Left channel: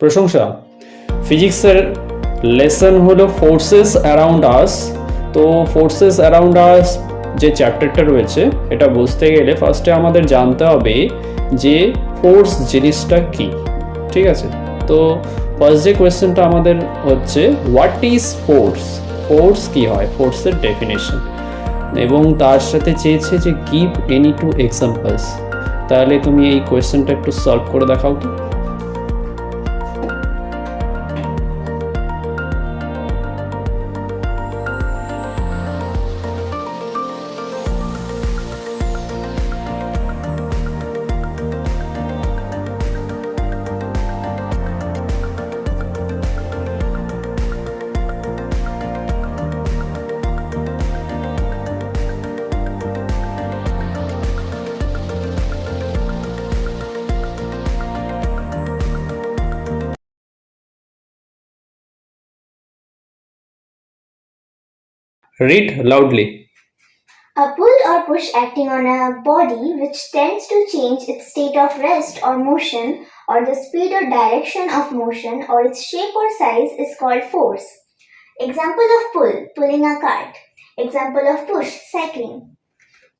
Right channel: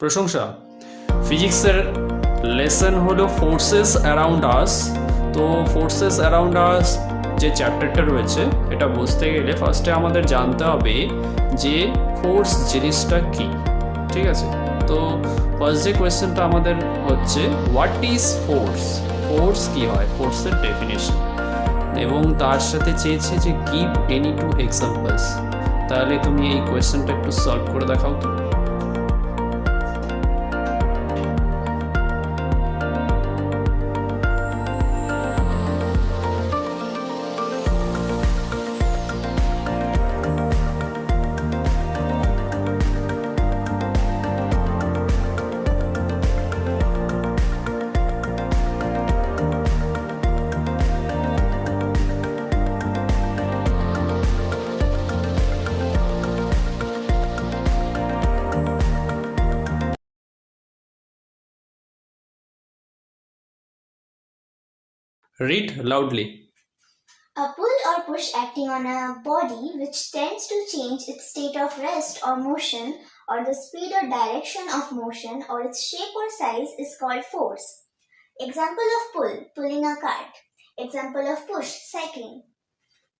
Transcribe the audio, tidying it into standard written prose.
প্রশংসা। ফিজিক্সের লেসন হলো ফোর্সেস অ্যারাউন্ড আস। তো ফোর্সেস অ্যারাউন্ড আস যে চ্যাপ্টারটা রয়েছে, এটা বুঝতে গেলে ফার্স্টে আমাদের জানতে হবে যে ফোর্স জিনিসটা কি। ঠিক আছে, তো ফার্স্ট যে কোয়েশ্চেনটা আমাদের হচ্ছে হোয়াট ইজ ফোর্স। ফোর্স কি হয়, ফোর্সের ডেফিনেশন, এবং তার সাথে চেয়েছে যে গিভ এনি টু এক্সাম্পলস। তাহলে তুমি এই কোয়েশ্চেনটা একটু সলভ করে দেখাও তো। Read loudly. A pull or push acting on a body which tends to change its state of rest or motion, or the speed or direction of motion, or its shape or size is called force. Example of pull, pulling a cart. Example of push, cycling.